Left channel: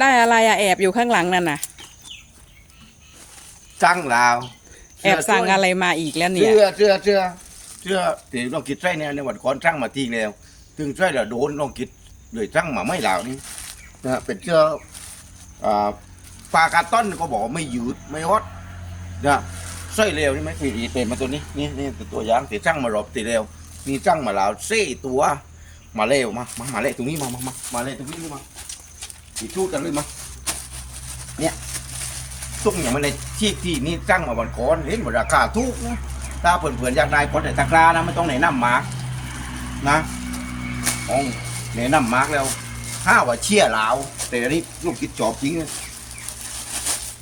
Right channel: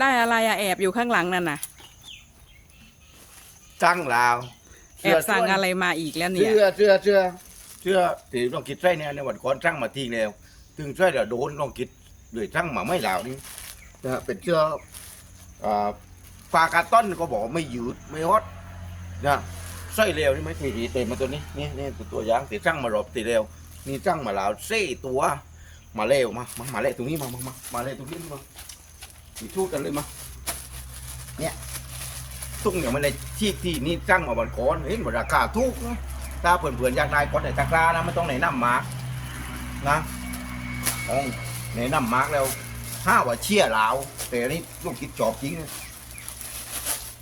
ได้อะไรอะแอบอยู่ข้างหลังนั่นน่ะ สั่งลาวแอบสั่งอะไรมาอีกแล้วเนี่ย เสื้อเสื้อเสื้อเสื้อที่ต้องคิดใส่เนี่ยในวันก่อนสั่งมาทีแล้วถึงใส่แล้วโดนต้องคิดเลยสั่งมาไม่ลาวนี่นะฮะเป็นเสื้ออ่าปากาต้นก็บอกว่าไม่ยืดไม่ฮอตนะใส่เร็วนี่ไหมปีดีเป็นมาตัวนี้นี่นี่ตัวอย่างที่สั่งมารอบตีเร็วมีสั่งมาแล้วเซ่ตัว มาเร็วมามามาเร็วตรงนี้มามามามาเร็วตรงนี้นี่มาีชูดกันเลยมาเนี่ยตุ้งอย่างมันในที่ที่นี่สั่งมาบันคอนเห็นว่าราคาถูกนะถ้าเพื่อนๆอยากได้ก็แต่ตะกร้านะไม่ต้องไหนน้ำมาร์กนะอ๋อไหนน้ำมาร์กแล้วห้าว่าเชี่ยลาวแต่อันนี้ลูกคิดจอบจริงนะ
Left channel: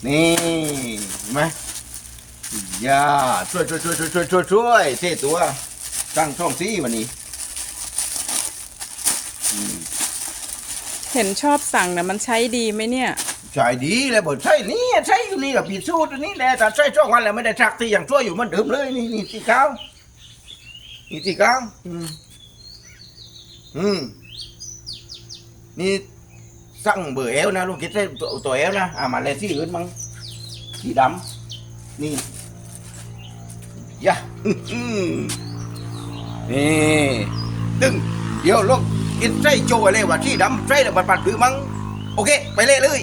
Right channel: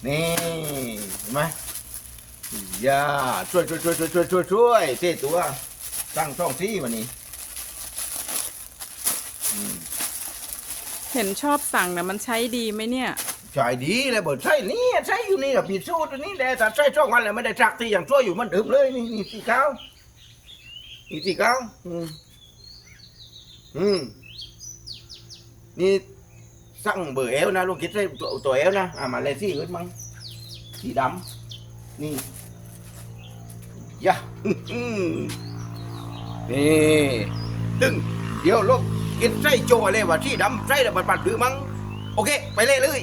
นี่เห็นไหมอย่าช่วยช่วยช่วยช่วยช่วยช่วยช่วยเท่ตัวตั้งช่องซีวันนี้ อืม เห็นชอบสั่งนะมันใช้ดีไหมเนี่ย ใช่ดีเลยบอกใช่นี่ใช่อยู่นี่กับปีสูตัวนี้แหละแต่ใช่ช่องวันแล้วไม่ได้ชักที่อย่างช่วยอยู่เหมันเดิมเลยนี่นี่สีขาวนี่สีขาวอืมอืมนี่สั่งเบอร์เอลนะลูกคิดได้ตัวตัวเอลนะอ่ามาเลยที่อื่นมั้งสีดำนี่ยะอื้อหือนี่ตึงเดี๋ยวลูก อินไส้โจอะไรวะที่ดำไส้แล้วบัดบัดหรือมั้งโอเค ไปเลยเลย